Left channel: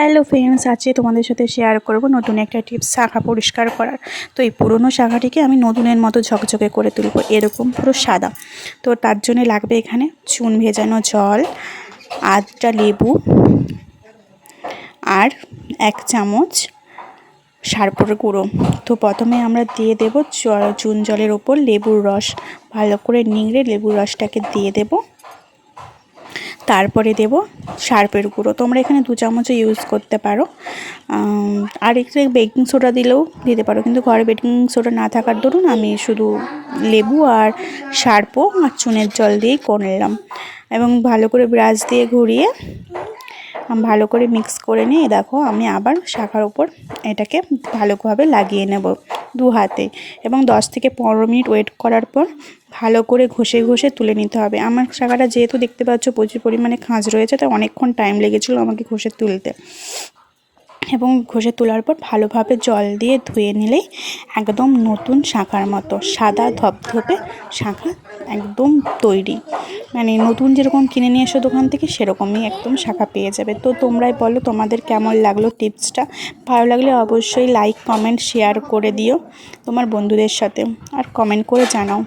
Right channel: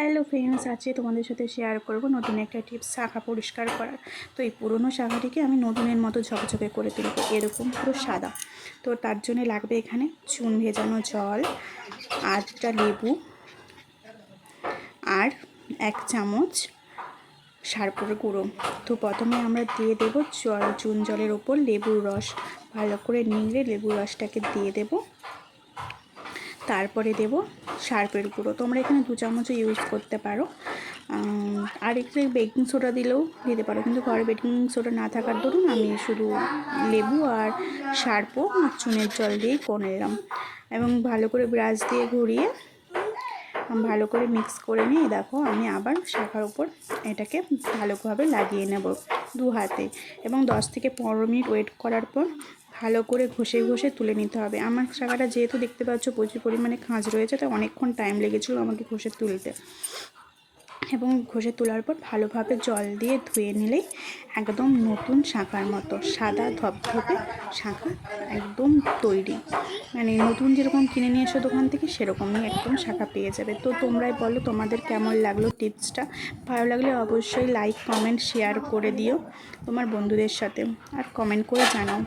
Hello friends, আজকে তোমাদের সাথে শেয়ার করব নতুন একটা টিপস শাখা পরিষ্কার করার। তো এই পুরনো শাখাটিকে আমি নতুনের মতো ঝকঝকে করে তুলব, এরকম পুরো সাদা। তো তার জন্য লাগবে এখানে চুন ভেজানো জল, আধটা লেবু আর 1 চামচ সার্ফের গুঁড়ো। তো প্রথমে আমরা দিয়ে দেব চুন জলের ওপর লেবুর রস, ভালো করে নিংড়ে লেবুর রসটাকে দিয়ে দেব। তারপরে দেব সার্ফের গুঁড়ো, তোমরা এখানে 2 চামচও ইউজ করতে পারো। আর একটু বেকিং সোডা দিলেও দিতে পারো, কিন্তু ঘরে বেকিং সোডা না থাকার দরুন আমি শুধু লেবু আর সার্ফও আর চুনের জল দিয়েই করে নিলাম। এবং ভালো করে ব্রাশ দিয়ে ঘুরিয়ে ভালো করে মিক্স করে নিয়ে দেখো আমি আবার শাখার উপর এটাকে ভালোভাবে লাগিয়ে নেব 2 হাতে, এবং 10 থেকে 15 মিনিট ওয়েট করার পর ভালো করে ঘষে ঘষে তুলে নিতে হবে। আমার শাখাটা যেহেতু দেখতে পাচ্ছ প্রচুর পরিমাণে খাঁজ রয়েছে, তাই অনেকক্ষণ টাইম লেগেছিলো আমাকে ঘষে তুলতে। এবং ঘষে তোলার পর ভালোভাবে জল দিয়ে ধুয়ে নিলেই একদম নতুন শাখার মতো সাদা ধপধপে শাখা একদম তৈরি। মানে নতুন যেরকম কিনে নিয়ে এসো দোকান থেকে, সেরকমই একদম শাখা পেয়ে যাবে। তো তোমরাই বলো তোমাদের কেমন লাগলো টিপসটা। ভালো লাগলে অবশ্যই লাইক কমেন্ট শেয়ার করে দিও তোমার বন্ধুদের সাথে, আর কমেন্ট করে জানাও।